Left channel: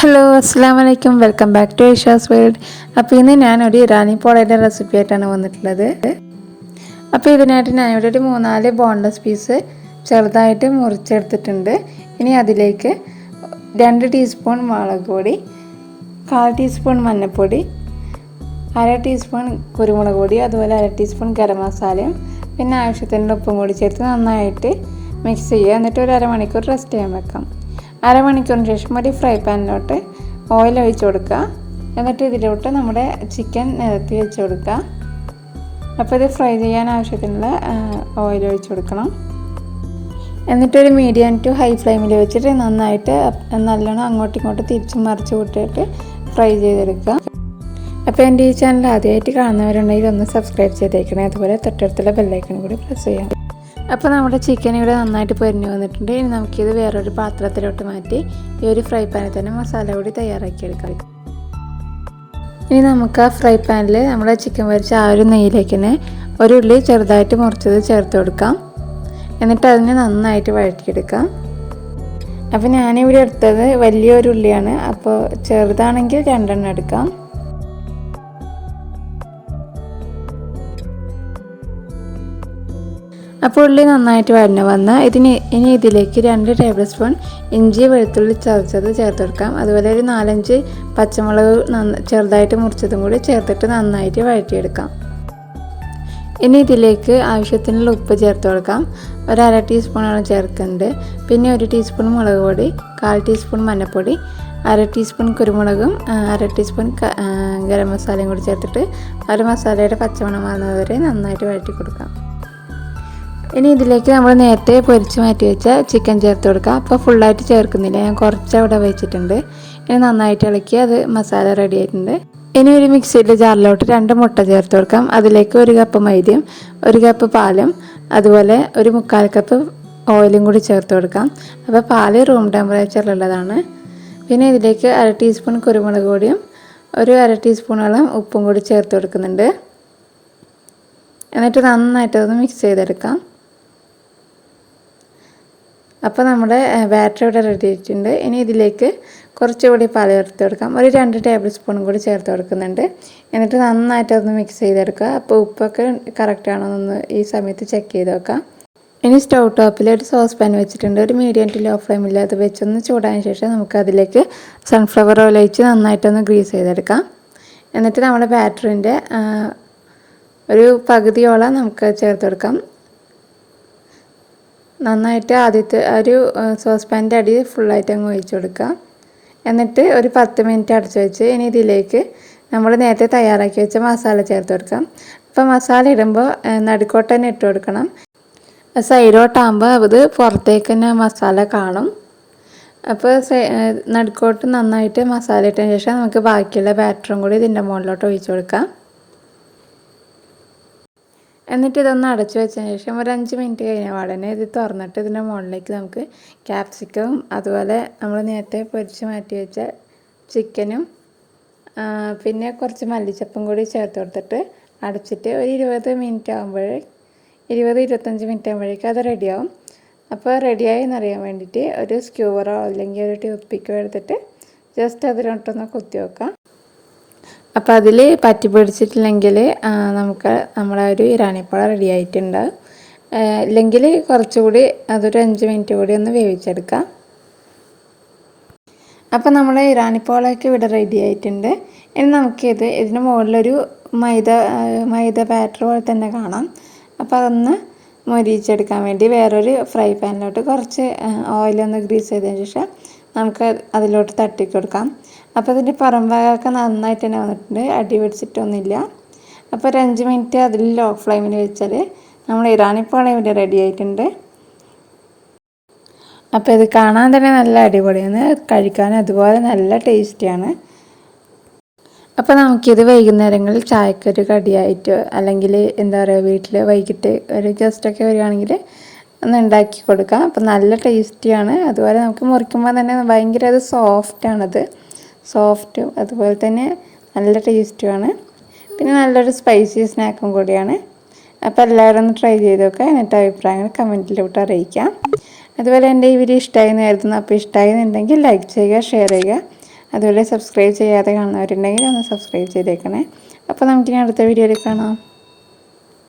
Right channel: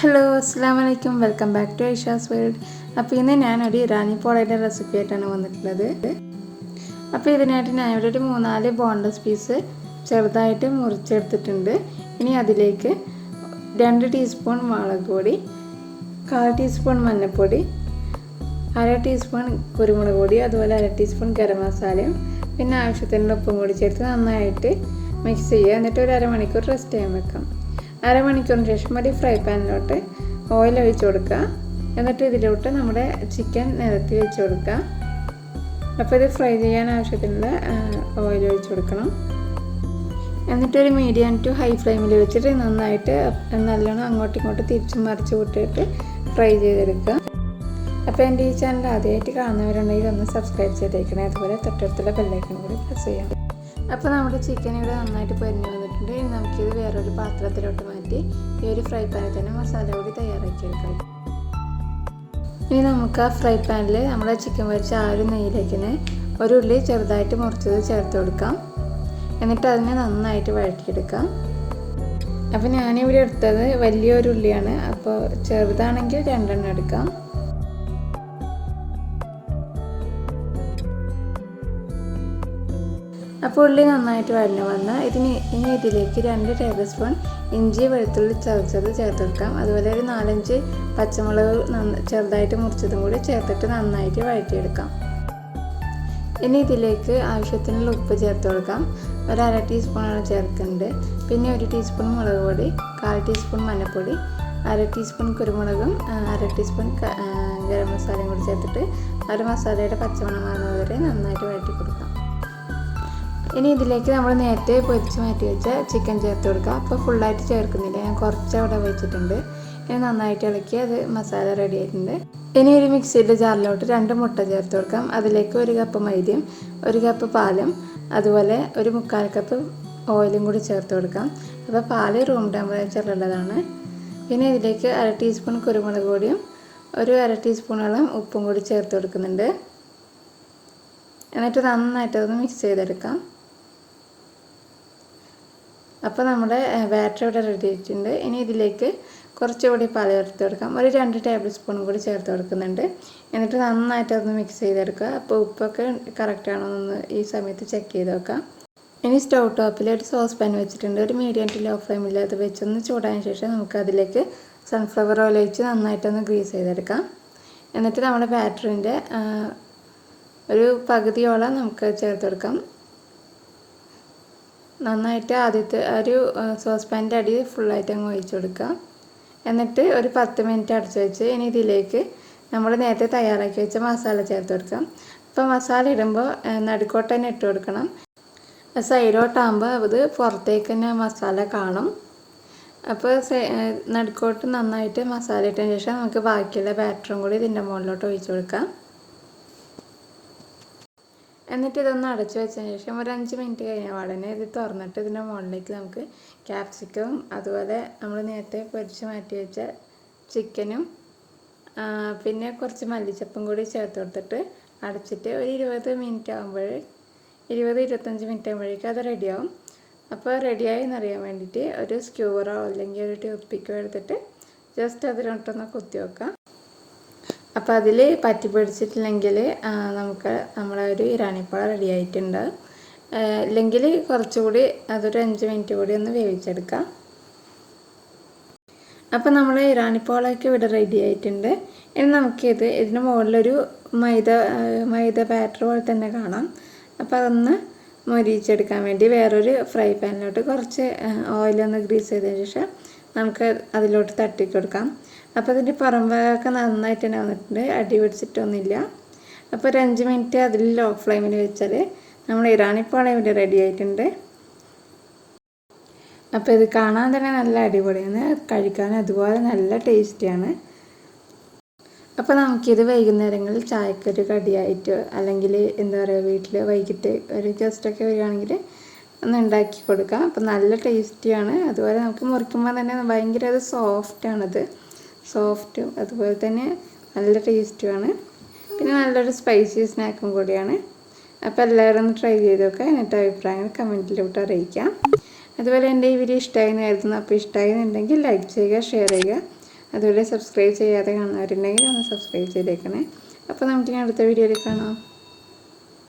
Hello അസ്സാം വലൈക്കും welcome back to Asia's world. അപ്പോൾ ഇന്ന് ഞാനൊരു ഇറാനി പോളയുടെ റെസിപ്പി ആയിട്ടാണ് വന്നിട്ടുള്ളത്. അപ്പോൾ ഇതിനായിട്ട് ഞാനിവിടെ ഒരു 3-4 ബോൺലെസ് പീസ് ചെറുതായിട്ട് മുറിച്ചെടുത്തിട്ടുണ്ട്. ഇനി അതിലേക്ക് 2 ടീസ്പൂൺ മുളക് പൊടി, 1/4 ടീസ്പൂൺ മഞ്ഞൾപ്പൊടി, 1/2 ടീസ്പൂൺ കുരുമുളക് പൊടി, അതുപോലെ 1/2 ടീസ്പൂൺ ഗരം മസാലയും പിന്നെ ആവശ്യത്തിന് ഉപ്പും കൂടി ചേർത്ത് നന്നായിട്ട് മിക്സ് ചെയ്യുക. എന്നിട്ട് ഒരു അരമണിക്കൂർ റെസ്റ്റ് ചെയ്യാൻ വെക്കാം. അരമണിക്കൂറിന് ശേഷം ഒരു ഫ്രൈ പാനിലോട്ട് ഓയിൽ ഒഴിച്ച് കൊടുക്കുക. എന്നിട്ട് ഇതിലോട്ട് നമ്മുടെ ചിക്കൻ നിരത്തി വെച്ച് കൊടുക്കുക. അപ്പോൾ ഇത് ഫ്രൈ ചെയ്യാൻ ആവശ്യത്തിനുള്ള ഓയിൽ ഒഴിച്ച് കൊടുക്കണം. എന്നിട്ടൊരു മീഡിയം ടു ഹൈ ഫ്ലെയിമിൽ വെച്ചിട്ട് നന്നായിട്ട് നല്ലോണം അങ്ങോട്ടും ഇങ്ങോട്ടും തിരിച്ചും മറിച്ച് വിട്ടിട്ട് ഫ്രൈ ചെയ്തെടുക്കുക. അപ്പോൾ എൻ്റെ ഈ ചാനൽ ആദ്യമായിട്ട് കാണുന്നവരുണ്ടെങ്കിൽ ഒന്ന് സബ്സ്ക്രൈബ് ചെയ്തേക്കണേ. അതുപോലെ തൊട്ടടുത്തുള്ള ബെല്ലൈക്കൺ കൂടി പ്രസ് ചെയ്യാം. അപ്പോൾ നമ്മുടെ ചിക്കൻ ഇവിടെ നന്നായിട്ട് പൊരിഞ്ഞ് വന്നിട്ടുണ്ട്. ഇനി നമുക്കിത് വേറൊരു പാത്രത്തിലോട്ട് മാറ്റി ഈ ഒരു ഫ്രൈ പാനിൽ തന്നെ മസാല കൂടി തയ്യാറാക്കിയെടുക്കാം. ഇനി നമുക്ക് ആ ഫ്രൈ പാനിൽ നമ്മുടെ ചിക്കൻ പൊരിച്ച ആ ഒരു നെയ്യിലേക്ക് തന്നെ ഒരു ഉള്ളി ചെറുതായിട്ട് മുറിച്ചത് ചേർത്ത് കൊടുക്കാം. എന്നിട്ട് അതിനെ നന്നായിട്ട് വഴറ്റിയെടുക്കാം. അപ്പോൾ ഞാനിവിടെ എടുത്തത് വലിയൊരു ഉള്ളിയാണ്. അപ്പോൾ ചെറുതാണെങ്കിൽ 2 എണ്ണം എടുക്കാം. അപ്പോൾ ഉള്ളി നന്നായിട്ട് വഴഞ്ഞ് വന്നാൽ ഇനി ഇതിലേക്ക് 2 ടേബിൾ സ്പൂൺ ഇഞ്ചി വെളുത്തുള്ളി ചതച്ചത് ചേർത്ത് കൊടുക്കാം. അതുപോലെ ഒരു 4-5 പച്ചമുളക് ചെറുതായിട്ട് മുറിച്ചതും കൂടി ചേർത്തിട്ട് നന്നായിട്ട് വഴറ്റിയെടുക്കാം. ഇനി ഇതിലേക്ക് ആവശ്യത്തിനുള്ള ഉപ്പ് ചേർത്ത് കൊടുക്കാം. ഒരു 1/2 ടീസ്പൂണാണ് ചേർക്കുന്നത്. പിന്നെ 1 ടീസ്പൂൺ മുളക് പൊടി, 1/4 ടീസ്പൂൺ മഞ്ഞൾപ്പൊടി, 1/2 ടീസ്പൂൺ കുരുമുളകും 1/2 ടീസ്പൂൺ ഗരം മസാലയും കൂടി ചേർത്തിട്ട് ഒരു മസാലയുടെ പച്ചമണം മാറുന്നത് വരെ നന്നായിട്ട് വഴറ്റി കൊടുക്കാം. ഇനി ഇതിലേക്ക് നമ്മൾ നേരത്തെ പൊരിച്ച് മാറ്റി വെച്ച ചിക്കൻ ചേർത്ത് കൊടുക്കുക. അപ്പോൾ ഫുള്ളായിട്ട് ചേർക്കുന്നില്ല, ഞാൻ കുറച്ച് അവിടെ വെച്ചിട്ടുണ്ട്. ഇനി നന്നായിട്ട് ഇളക്കി അത് മസാല റെഡി ആയിട്ടുണ്ട്. ഇനി ഒരു മിക്സിയുടെ ജാറിലോട്ട് 2 മുട്ട ചേർത്ത് കൊടുക്കാം. അതിലേക്ക് 1 കപ്പ് മൈദയും 1 കപ്പ് പാലും അതുപോലെ ഒരു 1/4 കപ്പ് ഓയിലും കൂടി ചേർത്ത് കൊടുക്കാം. അപ്പോൾ പാല് റൂം ടെമ്പറേച്ചറിലുള്ളതാണ്. പിന്നെ ഇതിലേക്ക് 1/2 ടീസ്പൂൺ കുരുമുളക് പൊടിയും ഒരു 1/2 ടീസ്പൂണോളം ഉപ്പും കൂടി ചേർത്ത് കൊടുക്കുന്നുണ്ട്. എന്നിട്ട് നന്നായിട്ടൊന്ന് മിക്സ് ചെയ്തെടുക്കാം. അപ്പോൾ നമ്മുടെ ബാറ്റർ ഇവിടെ റെഡി ആയിട്ടുണ്ട്. ഇനി ഇതിലേക്ക് കുറച്ചുകൂടി പാൽ ചേർത്ത് കൊടുക്കാം. ഒരു 2 ടേബിൾ സ്പൂണും കൂടി ചേർത്ത് കൊടുക്കുന്നുണ്ട്. എന്നിട്ട് നന്നായിട്ടൊന്ന് മിക്സ് ചെയ്തെടുക്കുക. അപ്പോൾ ഉപ്പൊക്കെ കറക്റ്റ് ആണോ എന്ന് ഈ സമയത്ത് ചെക്ക് ചെയ്ത് വെക്കാം. ഇനി സ്റ്റൗ ടോപ്പിൽ ഒരു സോസ് പാൻ വെച്ചിട്ടുണ്ട്. ഒരു മീഡിയം ടു ലോ ഫ്ലെയിമിൽ അത് വെച്ചൊന്ന് ചൂടായതിനു ശേഷം നമുക്ക് അതിലേക്ക് സൺഫ്ലവർ ഓയിൽ ഒഴിച്ച് നന്നായിട്ടൊന്ന് ഗ്രീസ് ചെയ്തെടുക്കാം. എന്നിട്ട് നമ്മുടെ ബാറ്ററിൻ്റെ ഒരു പകുതിയോളം നമുക്ക് ചേർത്ത് കൊടുക്കാം. നന്നായിട്ട് ആദ്യത്തെ ഒരു സോസ് പാൻ്റെ അടി ഫുള്ളായിട്ട് അങ്ങ് ഒഴിച്ച് കൊടുക്കുക. എന്നിട്ട് ഒരു 10 മിനിറ്റ് അടച്ച് വെച്ച് ഇനി ഇതിലേക്ക് നമ്മൾ നേരത്തെ തയ്യാറാക്കി വെച്ച മസാല ചേർത്ത് കൊടുക്കാം. അപ്പോൾ മസാല ഇടുമ്പോൾ നടുക്കോട്ട് തന്നെ ഇട്ട് കൊടുക്കണം. സൈഡോട്ടാകുമ്പോൾ അത് പുറത്തേക്ക് തന്നെ മസാല കാണും. അപ്പോൾ നടുക്കോട്ട് നന്നായിട്ട് മസാല ഇട്ടതിന് ശേഷം നമുക്ക് ബാക്കിയുള്ള ബാറ്ററും കൂടി ഇതിൻ്റെ മുകളിലോട്ട് ഒഴിച്ച് കൊടുക്കാം. എന്നിട്ട് ഇതൊന്ന് അടച്ചു വെച്ചതിന് ശേഷം ഒരു 5 മിനിറ്റ് കഴിഞ്ഞ പാടനെ ഇത് തുറന്നിട്ട് ഇതിൻ്റെ മുകളിലേക്ക് നമുക്ക് ക്യാപ്സിക്കവും അതുപോലെ നമ്മൾ നേരത്തെ പൊരിച്ച് മാറ്റി വെച്ച ചിക്കനും പിന്നെ കുറച്ച് മല്ലിച്ചപ്പും കൂടി ചേർത്ത് കൊടുത്തിട്ട് അടച്ചിട്ട് ഒരു 20-25 മിനിറ്റ് ആകുമ്പോഴേക്കും അത് റെഡിയാവും. അപ്പോൾ റെഡിയായി എന്നറിയാൻ വേണ്ടിയിട്ട് ഒരു സ്ക്യൂവറോ അല്ലെങ്കിൽ ഒരു ടൂത്ത് പിക്കോ എടുത്തിട്ട് ജസ്റ്റ് അതിലോട്ടൊന്ന് കുത്തി വെക്കാം. അപ്പോൾ അതിൽ പറ്റി പിടിച്ചിട്ടില്ലെങ്കിൽ നമുക്ക് നമ്മുടെ ഒരു ഇറാനി പോള റെഡി ആയിട്ടുണ്ട്. ഇല്ലെങ്കിൽ കുറച്ചുകൂടി അതൊരു 5 മിനിറ്റ് കൂടി ഒന്ന് വേവിച്ചെടുക്കാം. അപ്പോൾ നമ്മുടെ ഇറാനി പോളയൊക്കെ ഇവിടെ റെഡി ആയിട്ടുണ്ട്. ഇനി നമുക്കിത് ഇതിന് മുകളിലൊരു മൈദ ബാറ്റർ പോലെ തന്നെ കാണാം. അപ്പോൾ അതൊന്ന് മൊരിയിച്ചെടുക്കാൻ വേണ്ടി വേറൊരു ഫ്രൈ പാനിലോട്ട് കുറച്ച് ഓയിലൊന്ന് ഗ്രീസ് ചെയ്തതിന് ശേഷം നമുക്ക് അതിലോട്ട് തട്ടി കൊടുക്കാം. അപ്പോൾ ഇതിൻ്റെ പുറം ഭാഗമൊക്കെ നന്നായിട്ട് തന്നെ വന്നിട്ടുണ്ട്, അടി പിടിച്ചിട്ടൊന്നുമില്ല. അപ്പോൾ ഒരു 5 മിനിറ്റ് അതിൽ ലോ ഫ്ലെയിമിൽ വെച്ചാൽ നമ്മൾ ഇറാനി പോള ഇവിടെ റെഡി ആയിട്ടുണ്ട്. അപ്പോൾ ഇത് കാണാൻ തന്നെ നല്ല അടിപൊളിയാണ്, കഴിക്കാൻ അതുപോലെ നല്ല ടേസ്റ്റിയാണ്. അപ്പോൾ നമുക്കിത് വൈകുന്നേരങ്ങളിൽ ചായക്കൊരു കടിയായിട്ട് അല്ലെങ്കിൽ എന്താ പറയുക വീട്ടിൽ വൈകിട്ട് ഒരു ഗസ്റ്റൊക്കെ വരികയാണെങ്കിൽ ഒന്ന് ഉണ്ടാക്കി കൊടുക്കാം. അപ്പോൾ നല്ല ടേസ്റ്റിയാണ്. അതുപോലെ നമുക്ക് മുറിക്കുമ്പോൾ തന്നെ ഭയങ്കര അത് സോഫ്റ്റും അതുപോലെ തന്നെ നല്ല ടേസ്റ്റുമാണ്. പിന്നെ നല്ലൊരു സ്പൈസി സ്നാക്കും കൂടിയാണ്. അപ്പോൾ എല്ലാവരും ഒന്ന് ട്രൈ ചെയ്ത് നോക്കുക. എന്നിട്ട് അഭിപ്രായങ്ങൾ കമൻറ്റിലോട്ട് അറിയിക്കാം. അതുപോലെ എൻ്റെ ഈ വീഡിയോ ഇഷ്ടമായി എന്ന് കരുതുന്നു. അപ്പോൾ ഇഷ്ടമായി എന്നുണ്ടെങ്കിൽ ലൈക്ക് ചെയ്യുക, ഷെയർ ചെയ്യുക. അതുപോലെ സബ്സ്ക്രൈബ് ചെയ്യാതെ കാണുന്നവരുണ്ടെങ്കിൽ ഒന്ന് സബ്സ്ക്രൈബ് ചെയ്തേക്കണേ. അപ്പോൾ നമുക്കിനി അടുത്ത വീഡിയോയിൽ കാണാം.